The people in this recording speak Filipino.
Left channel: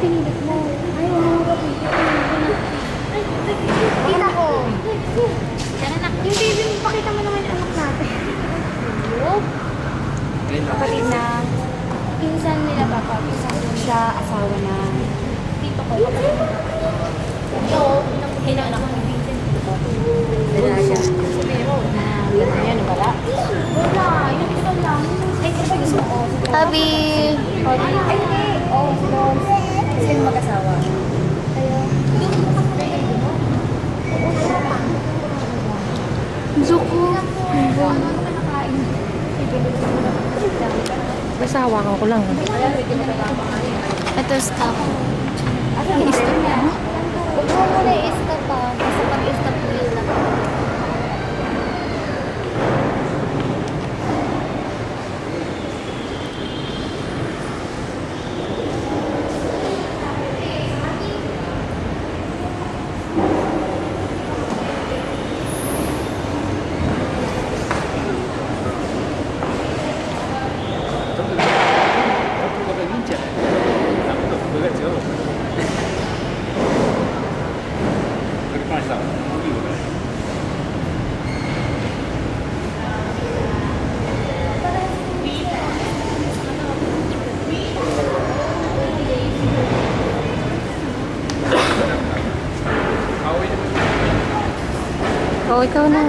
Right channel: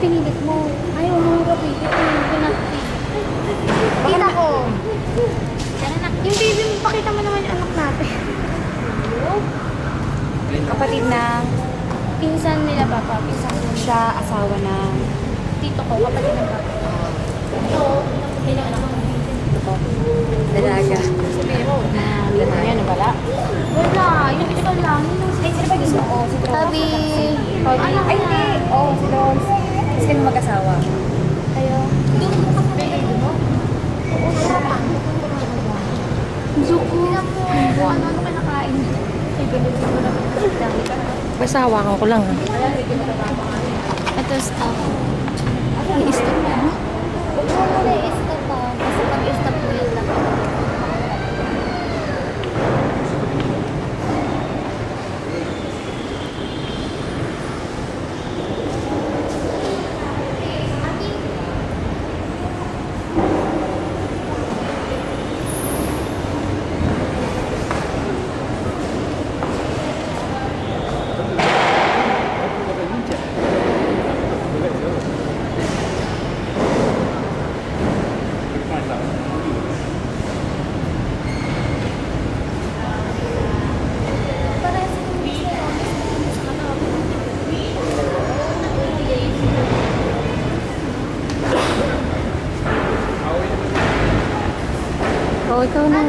pinilit mo? Ayaw mo nga pinilit. Pinilit ko na. Kita ko. Yan anak. Yung baby mo, pakita mo naman yung anak natin. Kapatid na pinsan nila papa. Pinsan siya, asawa na tito ko, kapatid ng papa. Ito, pinaanak ng pinsan ko. Dalaga. Sabihin mo, yan, wala? Wala, yung ito lang. Ay, sino ba gusto ko? Tabi. Ay, hindi. Oo, si Lons. Kasi kami mag-asawa. Kayo. Doon mo ka sa baby mo? Oo, wala pa. Zuko. Ano ka nakain? Basta hawakan ko lang. Ito, stop. I-stop mo? Huwag mo muna i-stop pa. Kasi pag i-stop mo yun lang. Oh, ikaw na.